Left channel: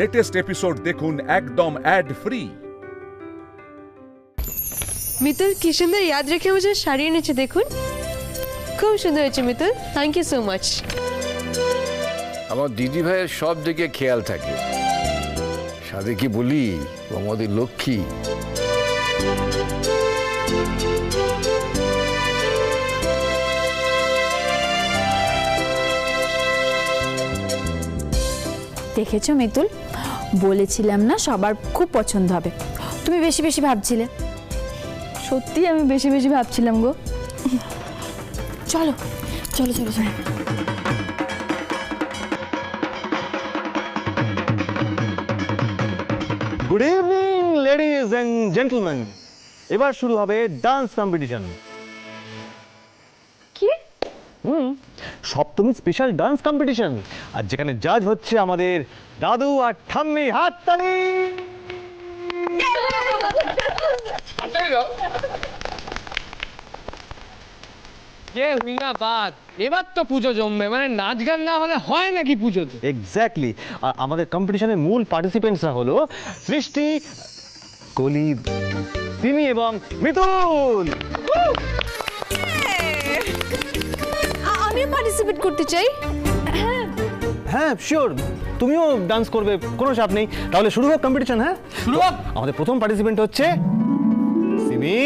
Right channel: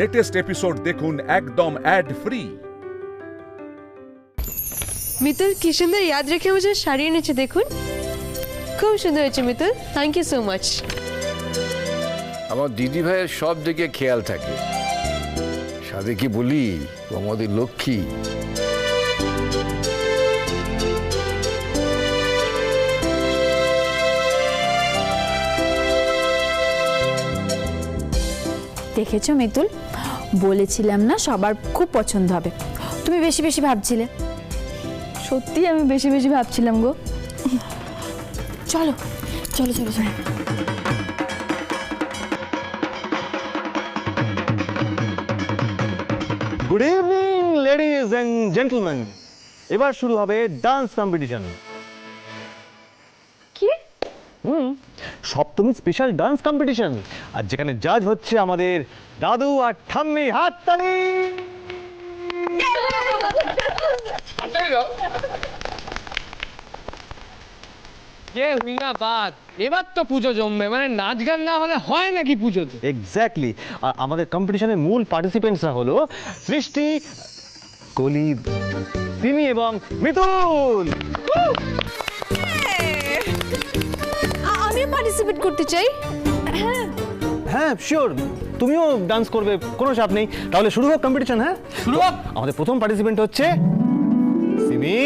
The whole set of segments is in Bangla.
লেটেস্ট এপিসোড দেখুন একদম অ্যাড ফ্রি। মিতুল কি সুন্দর याद রেখে मुझे শাড়ি এনেছে দেখুন, খুব সুন্দর হয়েছে Mitul, thank you so much. আমার দিদি ভাইয়ের সব দিকে খেয়াল থাকে, সাথে কি বলি ও আমাদের লক্ষ্মী। দেখেছো মিতুল, বলেছিলাম না সবার খুব পছন্দ হবে। তুমি বেশি বেশি ভাবছিলে। সত্যি আমি বেশি বেশি ভাবছিলাম গো। চলো চলো চলো চলো। Good evening ladies and gentleman, এবার শুরু হবে ডান্স কম্পিটিশন। কি? সপ্তমী স্পেশাল ডান্স কম্পিটিশন, আর যেখানে জাজ হচ্ছে আমাদের দাদু আর ঠাম্মি। হাততালি। এবার তো পুজো জমবে, মানে নাচ গান না হলে হয় নাকি পুজোতে? এক্স্যাক্টলি। আর আমাদের কম্পিটিশনের মূল পার্টিসিপেন্টসরা হলো সৃষ্টি, কলি, সিমি এবং মিতুল। আমিও পার্টিসিপেট করতে চাই। হ্যাঁ শিওর, তুমিও ডান্স করবে, কোনো চাপ নেই। তাহলে শুরু হোক কম্পিটিশন। হ্যাঁ শুরু হোক। আমাদের প্রথম পার্টিসিপেন্ট হচ্ছে সিমি।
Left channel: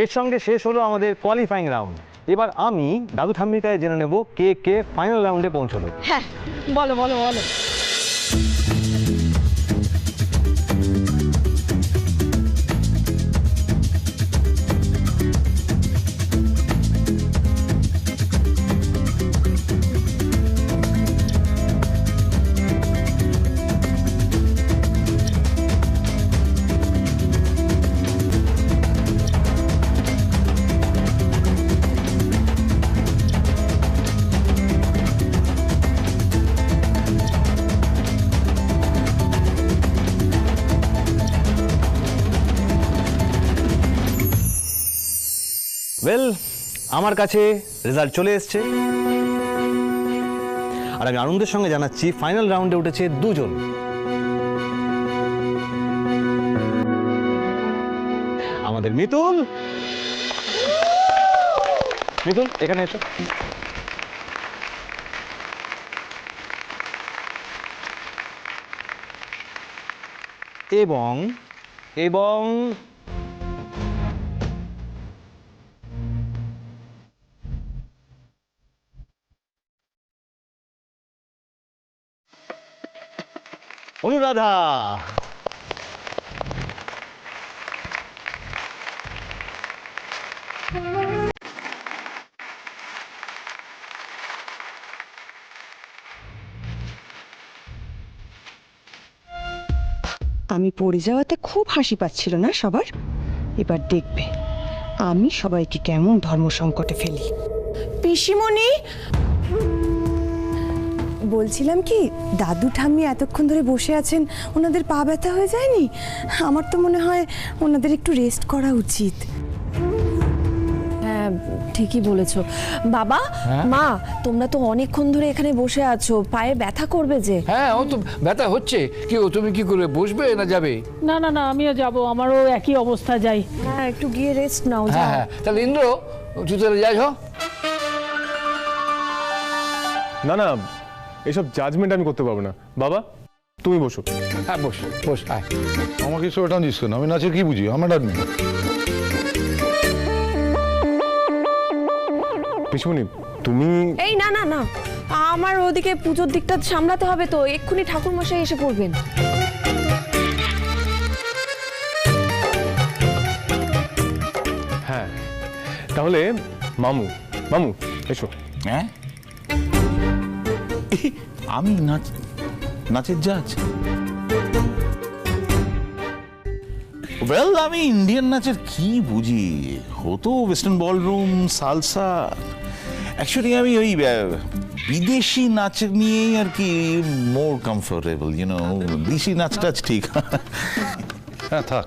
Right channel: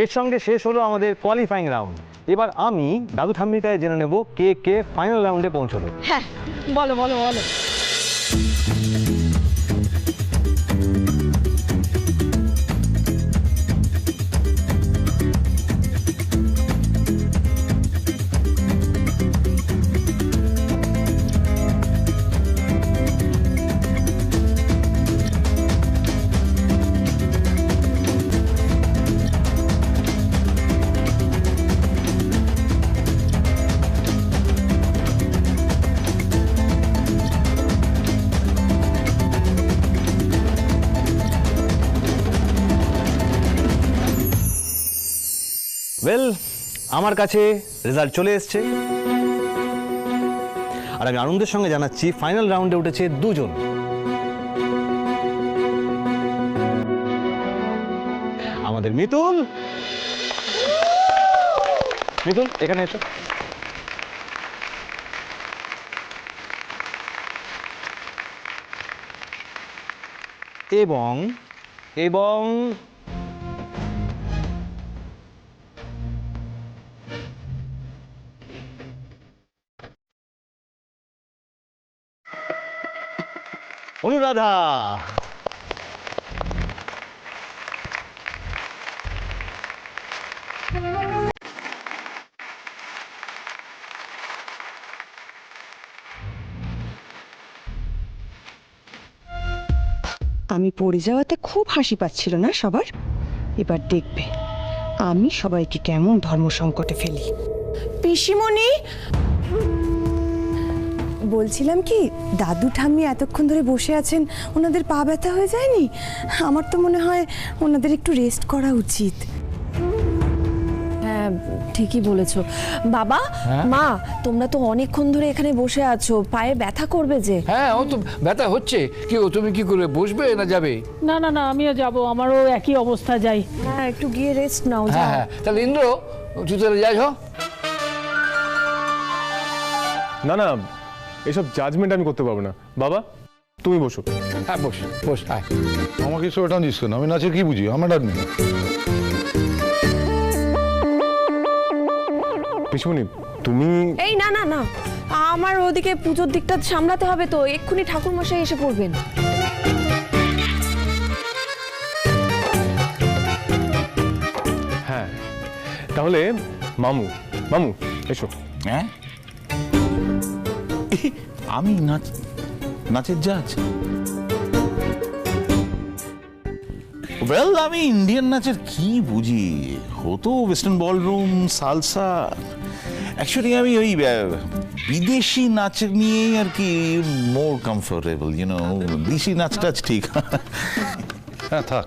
এর সঙ্গে শেষ হলো আমাদের কোয়ালিফাইং রাউন্ড। এবার আমি দাদু ঠাম্মির কাছে জেনে নেব কে কে ফাইনাল রাউন্ডে পৌঁছলো। হ্যাঁ, বলো বলো বলো। ওয়েল, আমার কাছে রেজাল্ট চলে এসছে আর আমি আনন্দের সঙ্গে জানাচ্ছি ফাইনাল রাউন্ডে উঠেছে দুজন। আমাদের মিতুল, মিতুল এখানে এসো। এবং এবং অনুরাধা। আমি পড়ে যাওয়াতে খুব হাসি পাচ্ছিল না সবার? এবার দেখবে আমি সবাইকে কেমন ধর্ম সংকটে ফেলি। পিসিমণি, বলছিলাম কি, দাদু ঠাম্মি এতক্ষণ ধরে বসে আছেন, ওনাদের পা ব্যথা হয়ে যায়নি? আমার তো মনে হয় ওনাদের একটু রেস্ট করা উচিত। হ্যাঁ, ঠিকই বলেছো। বাবা, মা, তোমরা তো অনেকক্ষণ ধরে এখানে বসে আছো, পায়ে ব্যথা করবে যে। হ্যাঁ, ও তো ব্যথা হচ্ছে। কি ও, তুমি কি করে, বসবে না যাবে? না না না, আমিও যাব, আমারও একই অবস্থা, যাই। হ্যাঁ, একটু গিয়ে রেস্ট নাও। হ্যাঁ হ্যাঁ, তাহলে ইন্দ্র তুই তাহলে যাই। না না, এসব জাজমেন্ট আমি করতে পারবো না। বাবা তুমি বসো। হ্যাঁ বস বস, আয়। আমাকে এসব এটা দিস কেন? আমি নাচের কি বুঝি? আমার ডাকবি না। পিসমণি তুমি। এই না না না, আমার ওদিকে পুজোর দিকটা সামলাতে হবে তো, এক্ষুনি ঠাকুর মশাই এসে পড়বেন। হ্যাঁ, তাহলে মামু, মামু এসো। হ্যাঁ, আমি নাচের জাজ? ওয়েল, আমি ইন্ডিয়ান নাচের কি বুঝি? হতো ওয়েস্টার্ন বলরুম, সালসা। অ্যাকচুয়ালি আমি ওই বিদেশি নাচ নিয়েই আর কি মোর কমফোর্টেবল, দেশি নাচ টাচ ঠিক। হ্যাঁ থাক,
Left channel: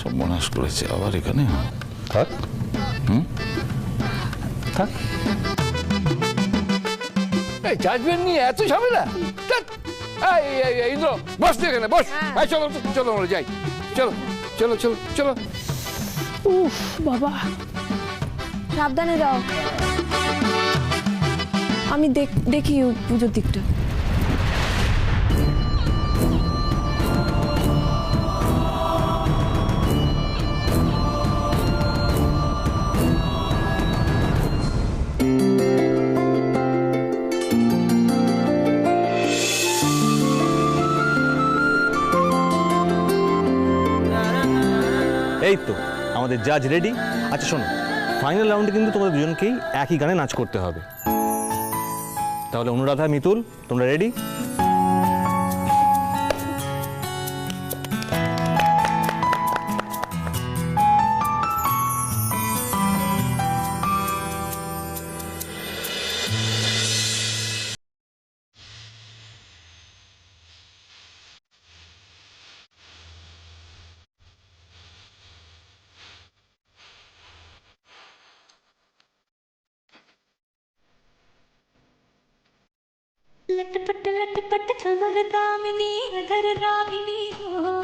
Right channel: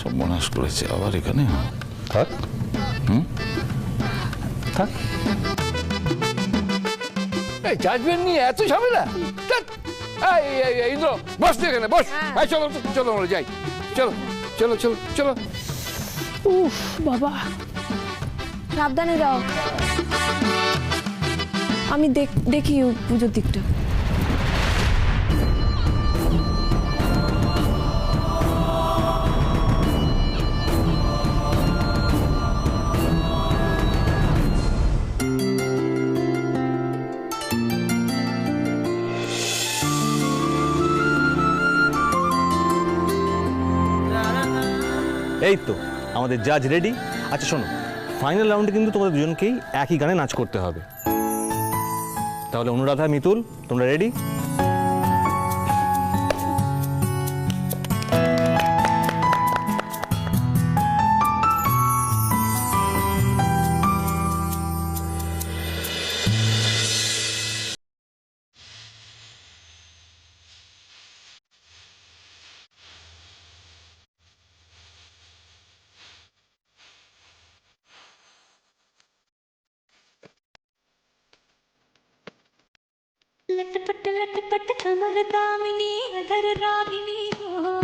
সব মনাস করেছে আবার এখানে। থাক, থাক। এই জাজমেন্ট নিয়ে এত ঝামেলা? ইন্দ্র বস তুই এখানে, বস। চলো চলো, আমরা যাই। চলো চলো চলো চলো। উফ বাবা, সাবধানে যাও, আমি দেখি পুজোর দিকটা। এই তো আমাদের জাজ রেডি। আচ্ছা শোনো, ফাইনাল রাউন্ডে কিন্তু তোমাদের দুজনকেই একই গানে নাচ করতে হবে। তাহলে অনুরাধা, মিতুল, তোমরা রেডি? लटपट लटपट ठमर दामिनी अधर रागिनी हो।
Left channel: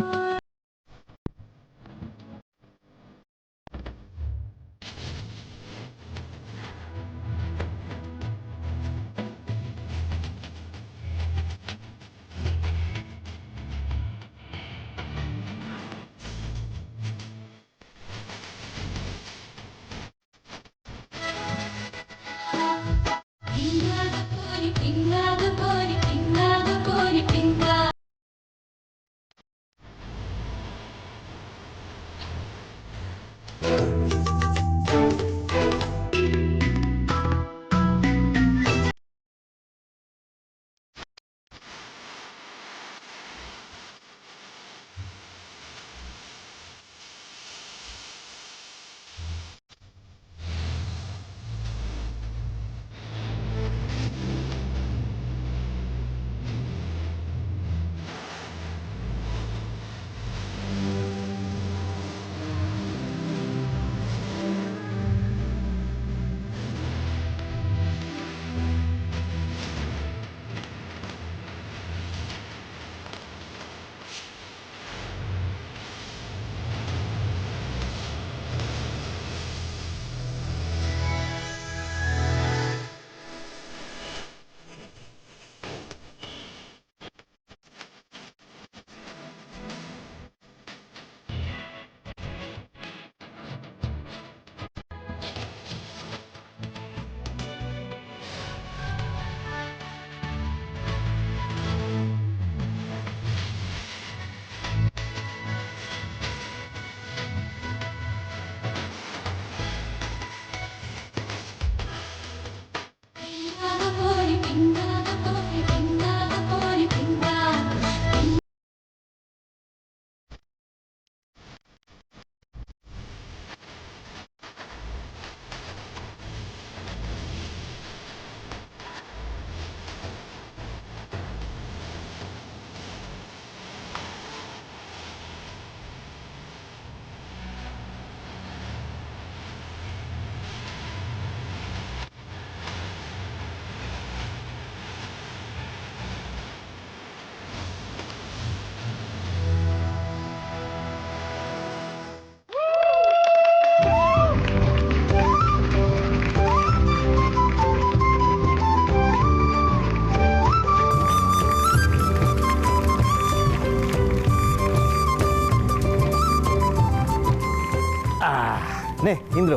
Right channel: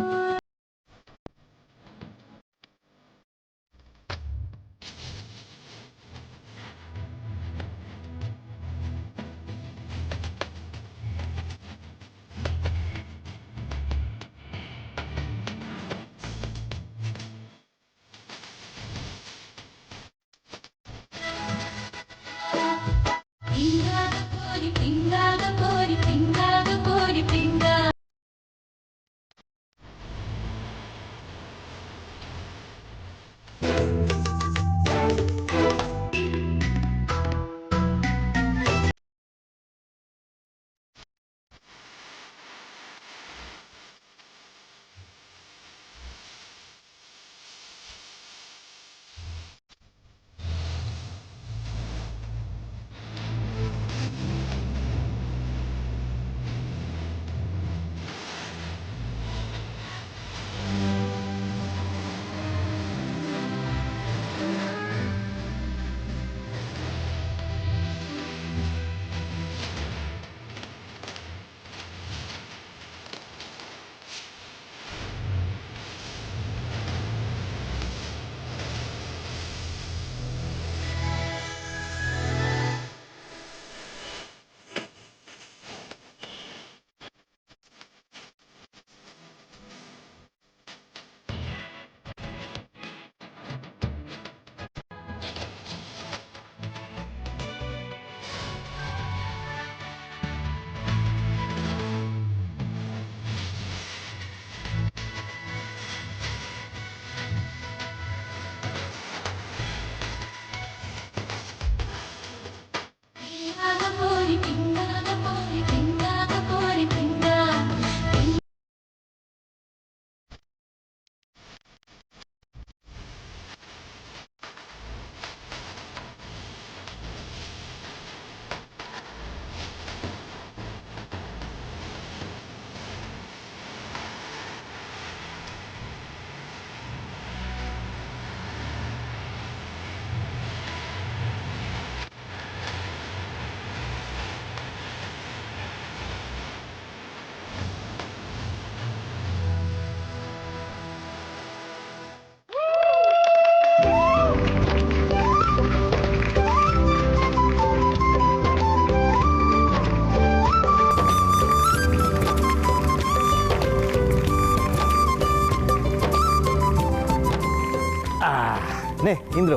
নে ইন্দ্র,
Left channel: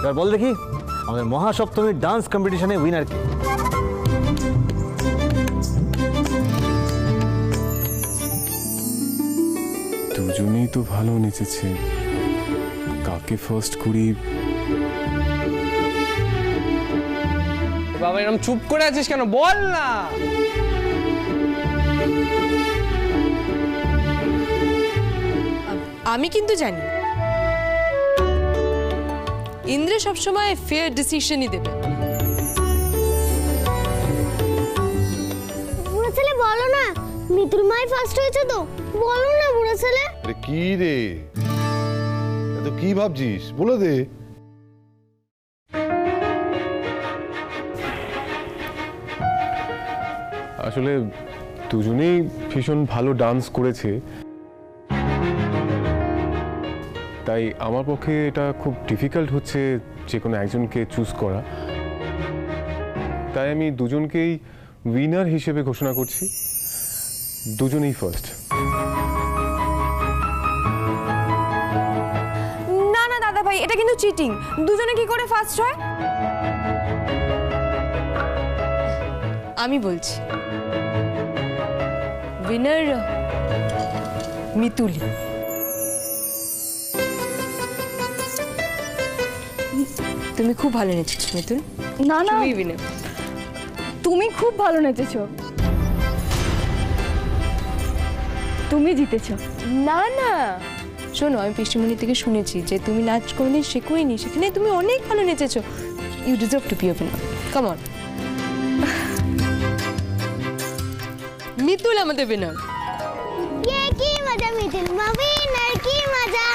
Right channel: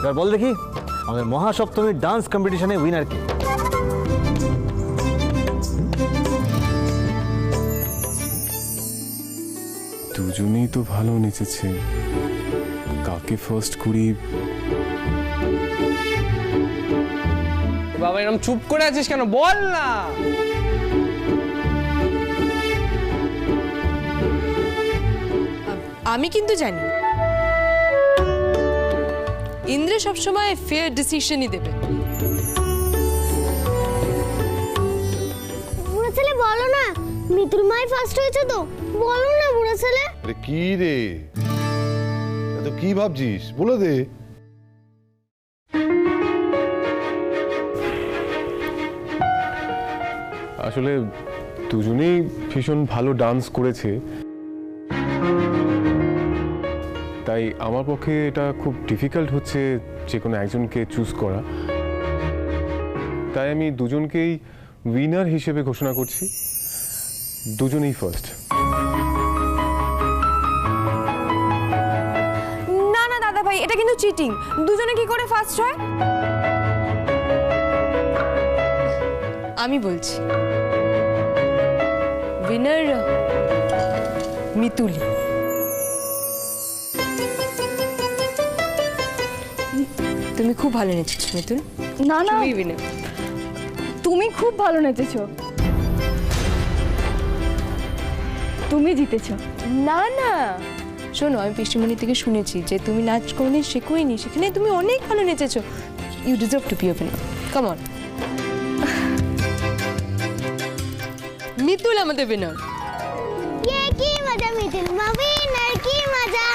এবার বল দেখি আমাদের মহাসপ্তমীর ডান্স কম্পিটিশনে উইনার কে? দুজনেই তো ভালো নেচেছে, কাকে ফার্স্ট করি? বাবা এরকম চুপ করে আছিস কেন, বল না। আমি কিন্তু জানি ইন্দ্র সবসময় ফেয়ার ডিসিশনই দেবে। বুড়ো ছেলে বলো না, মিতুল মাই ফার্স্ট হয়েছে তো, বলো না বুড়ো ছেলে। আরে কি রে, এত কি ভাবছিস, বলে দে। আসলে দুজনেই ভীষণ ভালো ডান্স করেছে, তাই আমার পক্ষে এটা খুব ডিফিকাল্ট হচ্ছে যে কোনো একজনকে চুজ করা। তাই আমি দুজনকেই উইনার হিসেবে ঘোষণা করছি, দুজনেই ফার্স্ট। না না দাদা ভাই, এটা কিন্তু চিটিং। দুজনে কি করে ফার্স্ট হয়? আমি বলছি উইনার মিতুলি। তুমি খুব ভালো নেচেছো মিতুল। না না, তুমি উইনার। তুমি খুব ভালো নেচেছো, তুমি জিতেছো। না না শোনো, আমি পিসিমণি থেকে শুনেছি যে তুমি নাচ কোনোদিন শেখোইনি, সেখানে তুমি অনেক ভালো নেচেছো। You deserve to be a winner. Come on. Mitul আমাদের উইনার। ये की मजा मिতুল মা উইনার, কি মজা।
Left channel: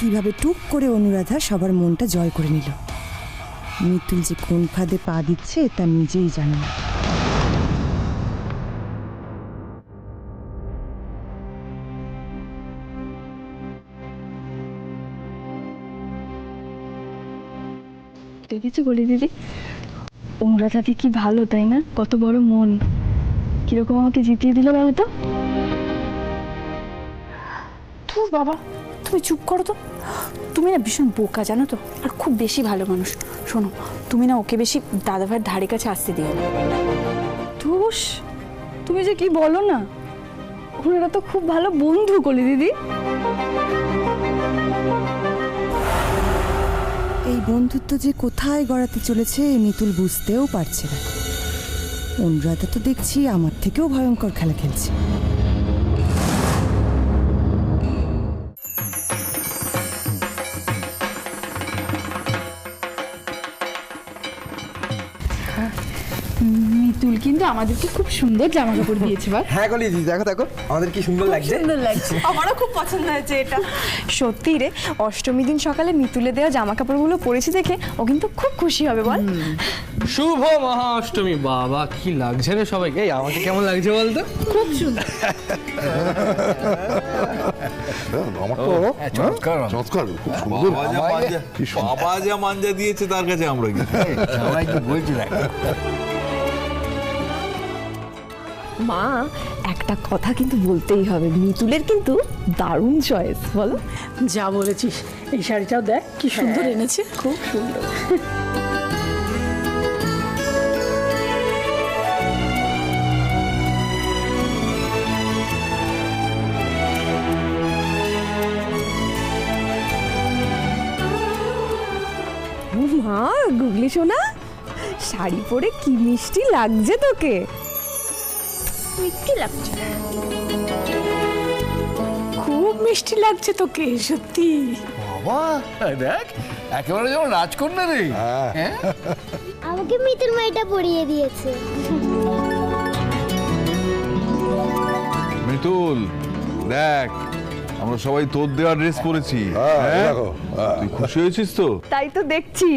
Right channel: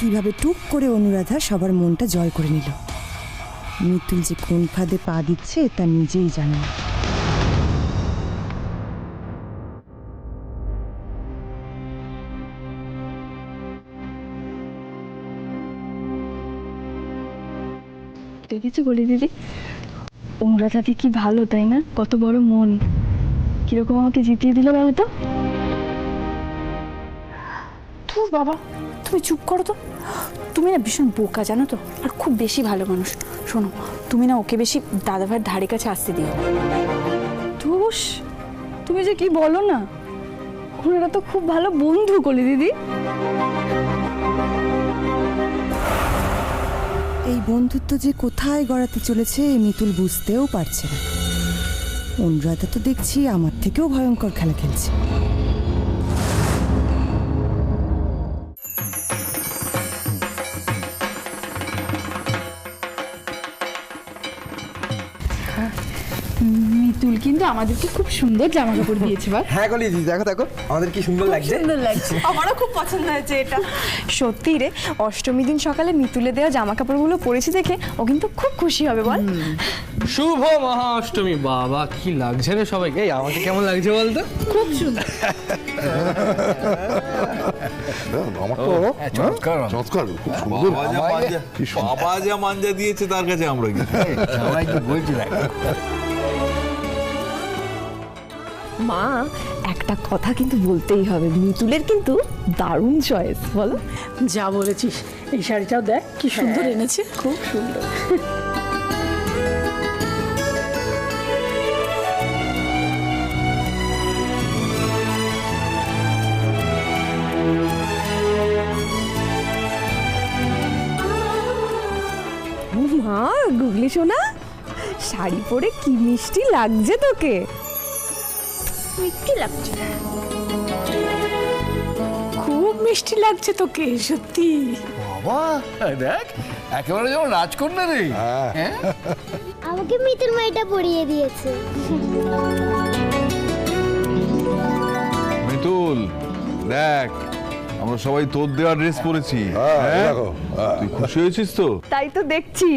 কিভাবে টুক করে অনুরাধা সবার মনটা জয় করে নিল। মিতুল যে কোন ফাঁদে পা দিচ্ছে তা নিজেই জানে না। দেখেছো বলি দিদি, অনুরাধাদি কি ভালো তাই না? কত বড় মন, কিরকম আমাকে জিতিয়ে দিল বলো তো। তোর বাবা তুমি চুপ করো তো, তুমি না ভীষণ বোকা জানো তো, আর খুব বেশি ভালো মানুষ। শোনো, তুমি না ওকে বেশি দাদাভাইয়ের ধারে কাছে আসতে দিও না। ধুস, তুমি যে কি বলো না, ওনারা তো খুব ভালো বন্ধু কলি দিদি। এই বন্ধুত্ব যে কোথায় গড়াতে চলেছে মিতুল বুঝতেও পারছে না। অনুরাধা তো দেখছি আমার থেকেও ভয়ঙ্কর খেলা খেলছে। মিতুল কিন্তু আমাদেরকে খুব সুন্দর জামা কাপড় দিয়েছে। হ্যাঁ কলি দিদি, দেখো দেখো আমাদের কি সুন্দর লাগছে। সুন্দর লাগছে, আমারও খুব পছন্দ হয়েছে এটা। সত্যি রে, অষ্টমী দিন সকালে মিতুলে দেওয়া জামা কাপড়গুলো পরেছি দেখে ও কিন্তু খুব খুশি হবে বল। শুভ মহা অষ্টমী। বাবা কি লাগছে রে সবাইকে, এই আমাকে কেমন লাগছে বলতো? খুব সুন্দর। আমার তো চমৎকার চমৎকার, খুব সুন্দর। বাবা যা মাঞ্জা দিয়েছে তার কাছে আমরা কি বলছি না। মা, একটা কথা কিন্তু বলতেই হবে, মিতুলের কিন্তু দারুণ চয়েস, বলো। যা বলেছিস, এই শাড়িটাও দেখ কি সুন্দর এনেছে, খুব সুন্দর। মা, গুগলি সোনা, শাড়ি পরে কি মিষ্টি লাগছে তোকে। মিষ্টি লাগছে, খুব মিষ্টি লাগছে তোকে, সত্যি। বাবা দেখ, একেবারে যেমন রাজকন্যা রে। আমাকে মিতুল মাইটা পরিয়ে দিয়েছে। মিতুল দেখ, আমরা সবাই তোর দেওয়া ড্রেস পরেছি। তুই খুশি হয়েছিস তো? তাই তো দেখছি,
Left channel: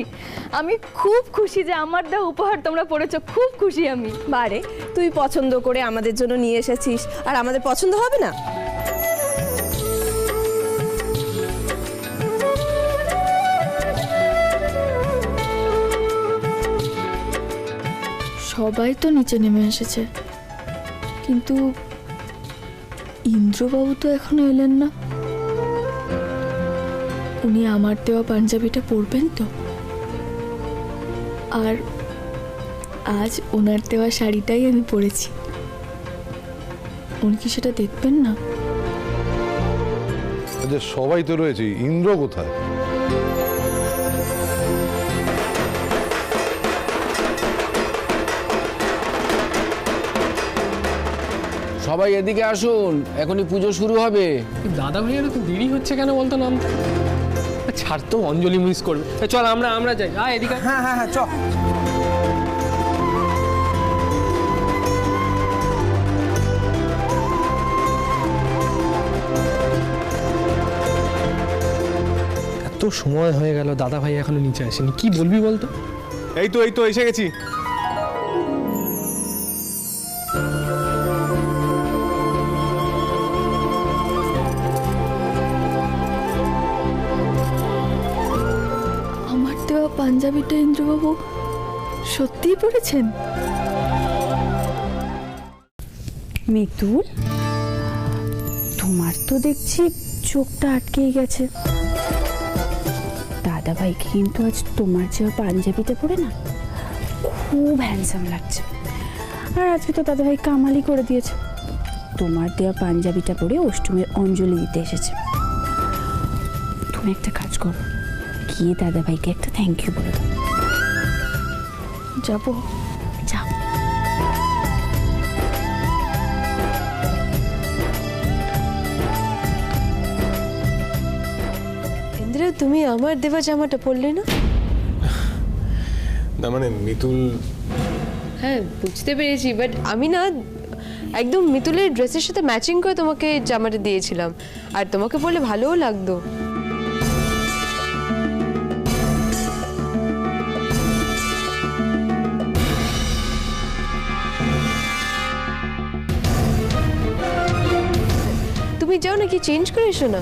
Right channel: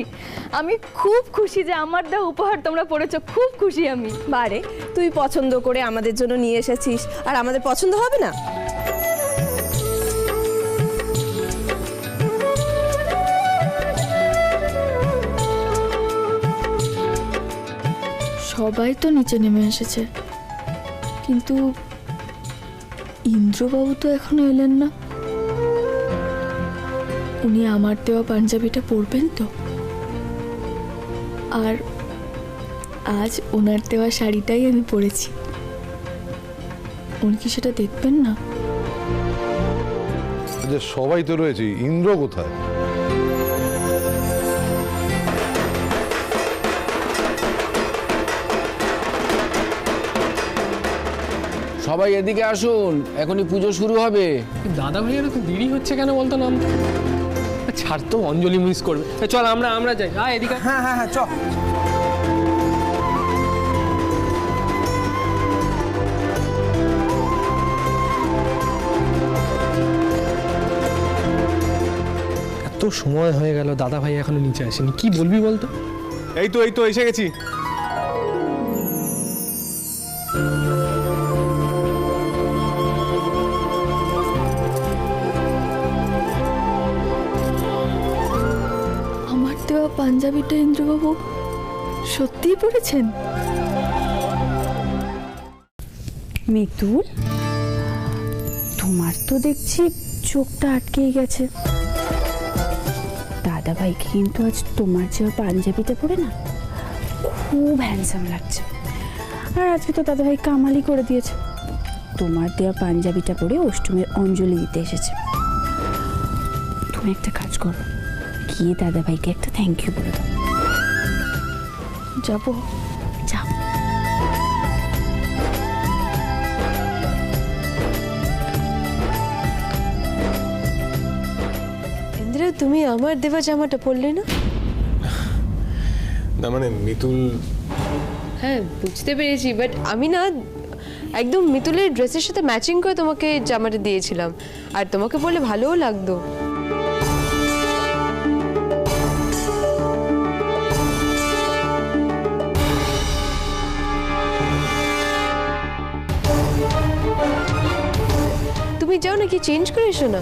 আমি খুব খুশি যে আমার দেওয়া উপহার তোমরা পড়েছো, খুব খুশি আমি। বারে, তুই পছন্দ করে আমাদের জন্য নিয়ে এসেছিস, আর আমাদের পছন্দ হবে না? সবাই তো নিচে নেমে এসেছে, কিন্তু ইন্দ্রবাবু তো এখনো এলেন না। উনি আমার দেওয়া পাঞ্জাবিটা পরবেন তো? আর আজ ওনার দেওয়া শাড়িটাই আমি পরেছি, উনি কি সেটা দেখবেন না? সবাই তো রয়েছে, ইন্দ্র কোথায়? সবাই এদিকে আসুন, এখনই পুজো শুরু হবে। দাদা ভাইয়ের তো দেরি হচ্ছে কেন বলতো নাম? ছাড় তো, অঞ্জলি মিস করবে। চল আমরা যাই। এদিকে। হ্যাঁ হ্যাঁ হ্যাঁ, চল। এত সময় হয়ে গেল, দাদা ভাই এখনো নিচে আসেনি, কি বলবি বলতো? এই তো এসে গেছি। আমার দেওয়া পাঞ্জাবিটা ইন্দ্রবাবু সত্যিই পরেছেন? মিতুল, তোমার তো দেখছি চোখটা আটকেই গেছে। দাদাভাইকে কিন্তু আজ তোমার যে পাঞ্জাবিটা পরে না খুব হ্যান্ডসাম লাগছে। আর আজকে তো দাদাভাই কামালি করে দিয়েছে, তোমার দেওয়া পাঞ্জাবিটা পরে অষ্টমীর অঞ্জলি দিতে এসেছে। তুমি একটা কাজ করো, গিয়ে দাদাভাইকে একটা থ্যাংক ইউ বলে দাও। যাবো? যাও। ইন্দ্র, তুমি আমার দেওয়া জামাটা পরলে না? না মানে মিতুল। হ্যাঁ বুঝতে পেরেছি, বাট আমি না একদম মিতুলের ড্রেসের সাথে ম্যাচিং করে তোমাকে জামাটা দিয়েছিলাম, আর তোমাকে বললে ভালোও লাগতো। তুমি যাও নাকি চেঞ্জ করে এসো না।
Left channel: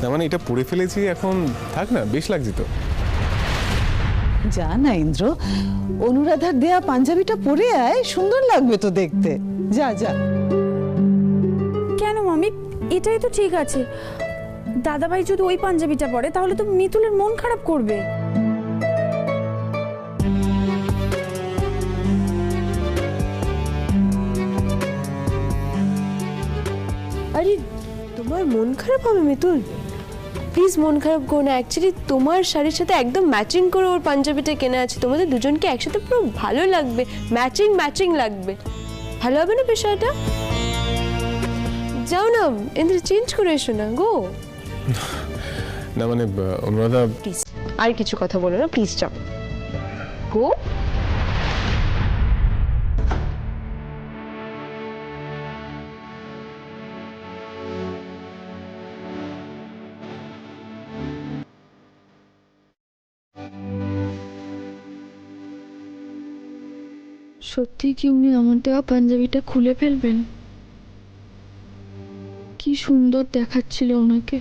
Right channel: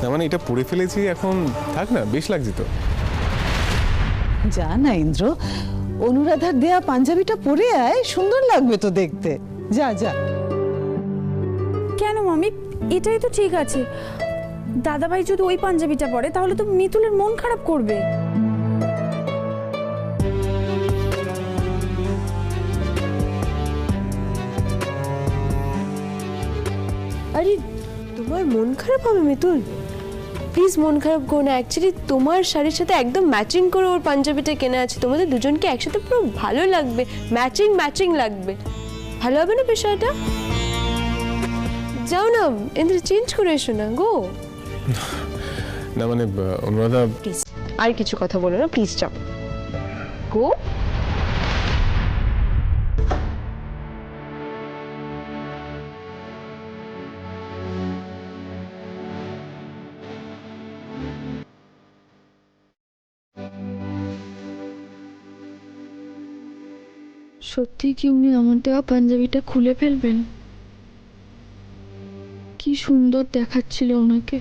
না মানে এটা পরে ফেলেছি, এখন থাক না, বেশ লাগছে তো। যা না ইন্দ্র, অনুরাধার দেয়া পাঞ্জাবিটা পরে আয়, সুন্দর লাগবে তো দেখতে। যা যা। কেন মামি, এটাই তো ঠিক আছে। দাদাভাই যদি ওই পাঞ্জাবিটা পরে তাহলে তো মিতুলের মন খারাপ করবে। আরে তোমার মন খারাপ হবে মিতুল? প্লিজ মন খারাপ করো না। অ্যাকচুয়ালি তোমার শাড়ির সাথে একদম ম্যাচিং করে ওর পাঞ্জাবিটা কেনা আছে। তোমাদের দুজনকে একসাথে পুরো ভালো লাগবে, ম্যাচিং ম্যাচিং লাগবে। ভালো হবে না বিষয়টা? যাও না ইন্দ্র, চেঞ্জ করে এসো না। গো না মানে অনুরাধা, প্লিজ আর কিছু কথা বলো না, প্লিজ যাও। গো সত্যি কি উনি আমার দেওয়া পাঞ্জাবিটা খুলে ফেলবেন? কি সুন্দর দেখাচ্ছিল ওনাকে।